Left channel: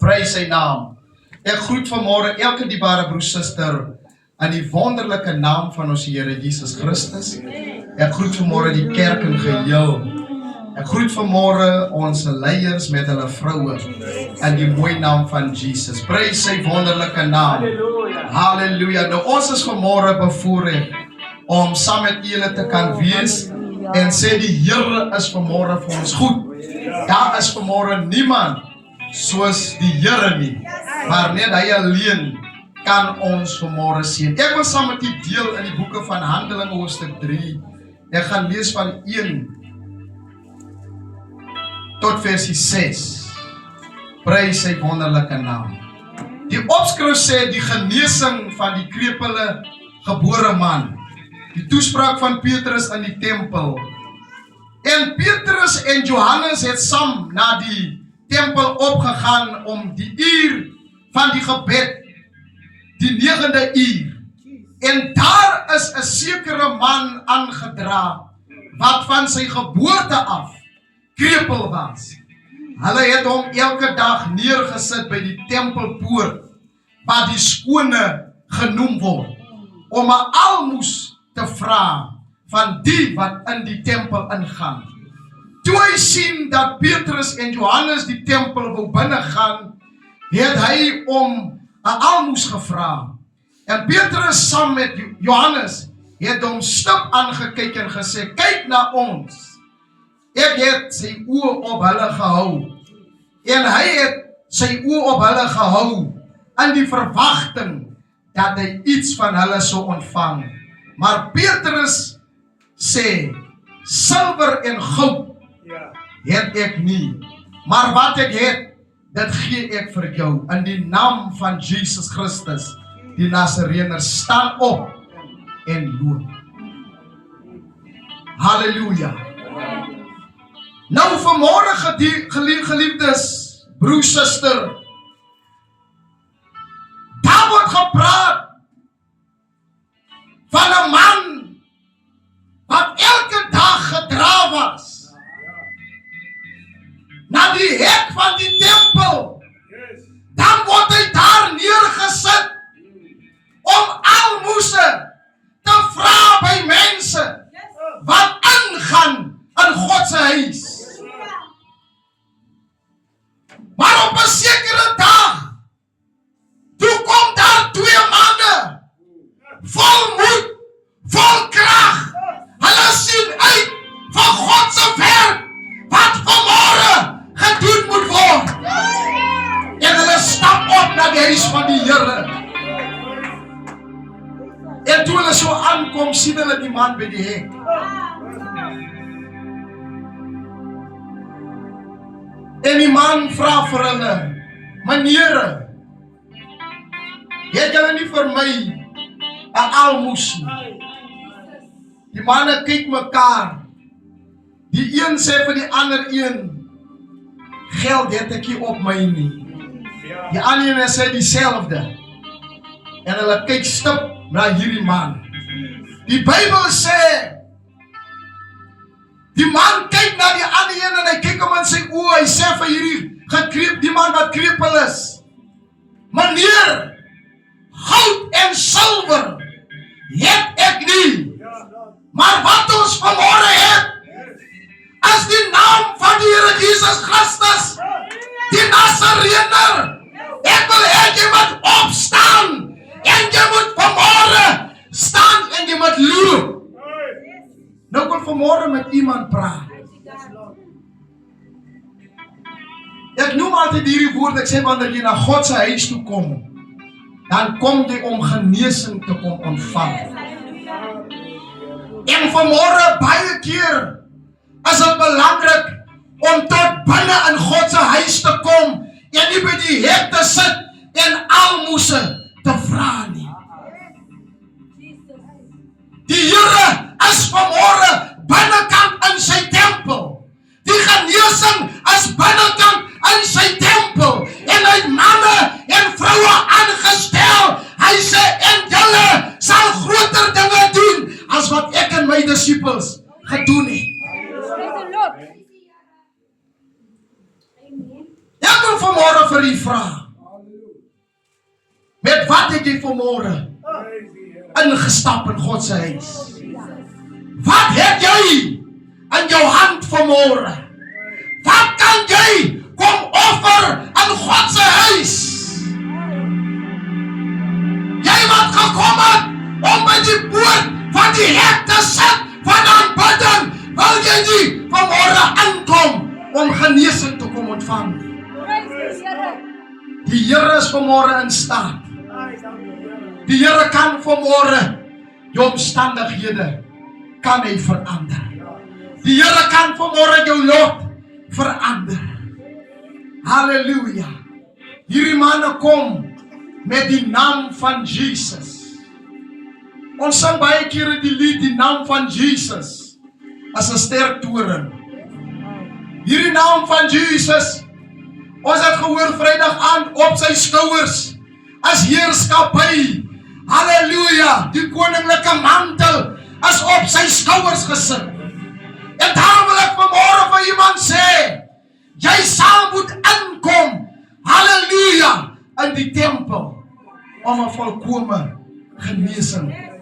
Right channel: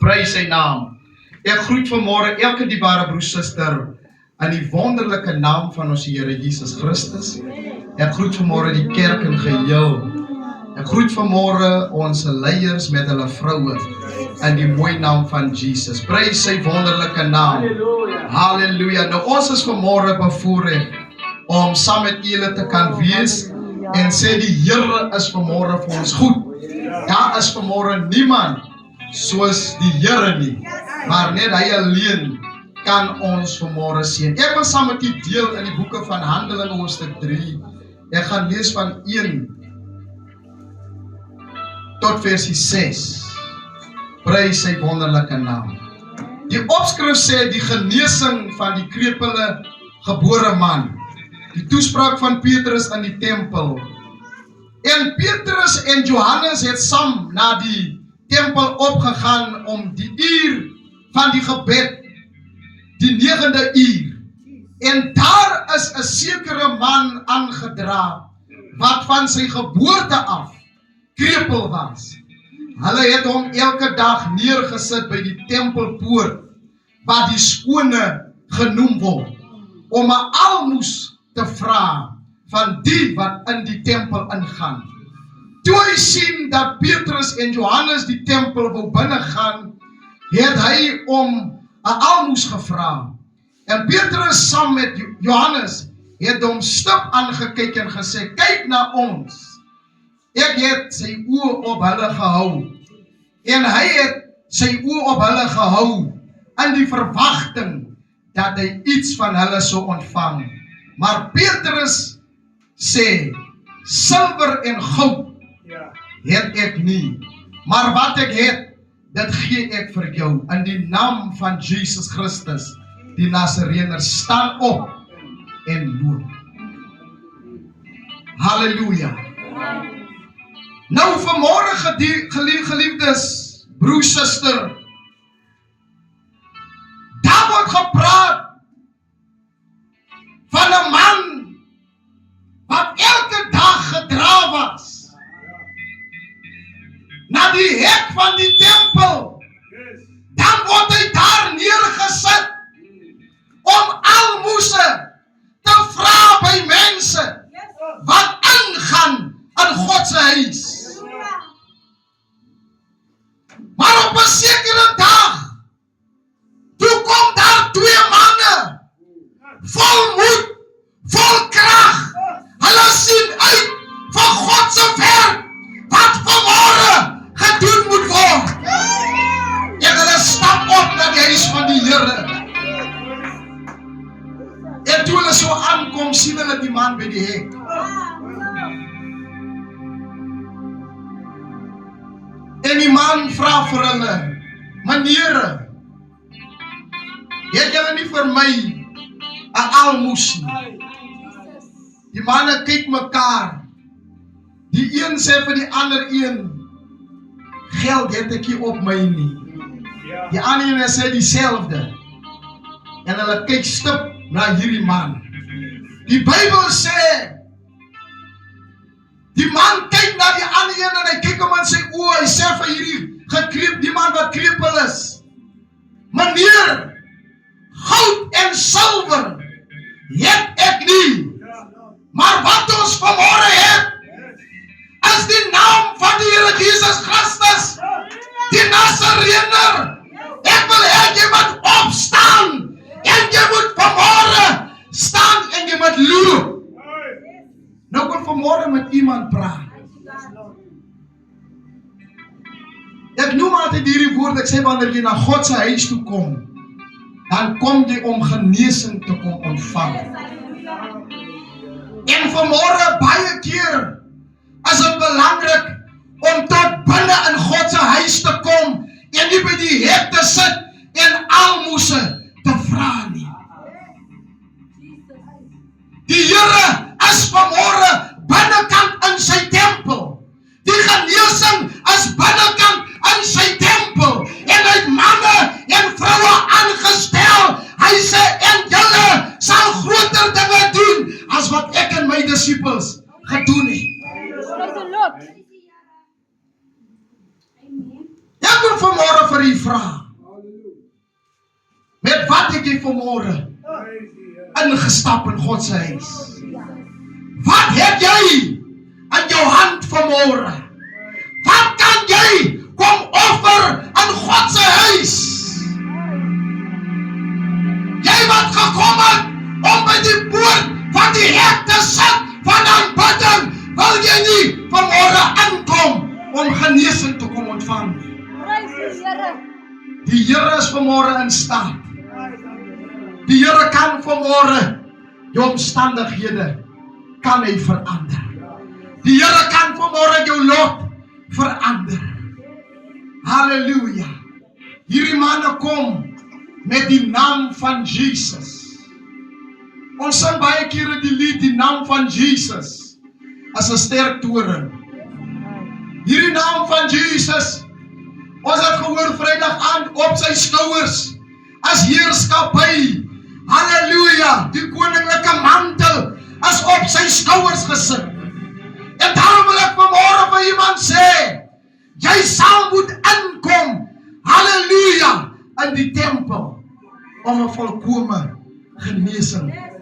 Prys sy naam. Ek groet vanmôre elke dierbare broer suster in die wonderlike naam van ons Here Jesus Christus. Ek groet vanmôre die kerk in geheel. Ek groet vanmôre ons leiers met hulle vroue in die mooi naam van Jesus. Prys sy wonderlike naam. Halleluja. Nou ons is vanmôre bevoorreg om saam met julle te kan wees en sê die Here is vanmôre vir ons goed. Daar is vanmôre niemand soos die Here nie, maar net hy alleen kan ons vanmôre seën. Ek wil saam met u deel in die boeke van Handelinge hoofstuk 3. Ek gaan lees van 1 tot versie 6. Prys sy wonderlike naam. Die opskrif sê die genesing van die krepele gebore man. Die toespraak van Petrus in die tempel. En Petrus en Johannes het saam na die tempel opgegaan om die uur van die gebed, die 9de uur. En daar is 'n sekere man aangedra wat van sy geboorte af krepeel was. Hulle het hom elke dag neergesit by die tempelpoort wat die skone genoem word, om 'n almoes te vra van die wat in die tempel ingaan. Toe hy sien dat Petrus en Johannes die tempel wou binnegaan, het hy om 'n almoes gevra. En Petrus saam met Johannes het hom stip aangekyk en gesê, kyk na ons. Ek het sy oë op hulle gehou. En hy het sy oë op hulle gehou in die verwagting dat hy iets van hulle sou ontvang. Maar Petrus sê, silwer en goud het ek nie, maar wat ek het, dit gee ek vir jou. In die naam van Jesus Christus, die Nasareëner, staan op en loop. Halleluja. Nou vanmôre geliefdes, broer, suster, daar word gepraat van 'n man wat elke dag gedra was na die hek van die tempel. Dan word hy daar neergesit om almoese te vra by mense wat ingaan in God se huis. Maar op 'n sekere dag, toe kom daar 2 manne, vol moed, vol krag. Hulle sien uit van God se werk, wat vanmôre gedoen moet word. En hulle stap op na die huis van die Here. En toe hulle so aankom, sien hulle die man by die hek. En die man vra vir hulle, meneere, het julle nie vir my 'n almoes nie? Die manne kyk mekaar. Die een sê vir die ander een, geld het ek nie op my nie. Die ander een sê dieselfde. En hulle kyk stip na hierdie man. Die Bybel sê, die man kyk na die ander een en hy kyk hom in sy oë. Hy sê vir die man wat krepeel is, meneer, goud en silwer het ek nie, maar wat ons vanmôre het, is die naam van die Here Jesus Christus, die Nasareëner. Ek wil hê jy moet opstaan en jy moet vanmôre staan en jy moet loop. Nou kon vanmôre met iemand praat. Ek noem altyd hierdie woord, ek sê wanneer jy na God se huis toe kom, dan kom jy om genesing te kom ontvang. En vanmôre baie keer is dit belangrik om tot binne in God se huis te kom en nie by die hek te sit en almoese te vra nie. Die Here is vanmôre binnekant in sy tempel. Die genesing is binnekant in sy tempel. En hy het manne en vroue aangestel. Hy sê, en julle sal groter dinge doen as wat ek en my disippels gedoen het. Ek wil vanmôre vir u vra, met wat het jy vanmôre ingestap in God se huis? Wat het jy in jou hand vanmôre? Wat kan jy kom offer in God se huis? Jy wat gekom het om by die poort van die hek te sit van aanbidding, wil jy nie vanmôre inkom om genesing te kom ontvang nie? Die Here is vanmôre in staat. Die Here kan vanmôre jou omstandighede kan hy verander. Die Here kan vanmôre jou lot verander. Halleluja. Hierdie manne kom met die naam van Jesus. Ons sing baie kere die lied, die naam van Jesus as 'n sterk toren. Hierdie naam van Jesus, ons het gehoor Vrydag aand op sy skouers as heerskappy. Halleluja, die koninklike mantel is op sy skouers gesit. En daarom wil ek vanmôre vir iemand sê, jy sal moet inkom, halleluja, in die tempel om 'n volkome genesing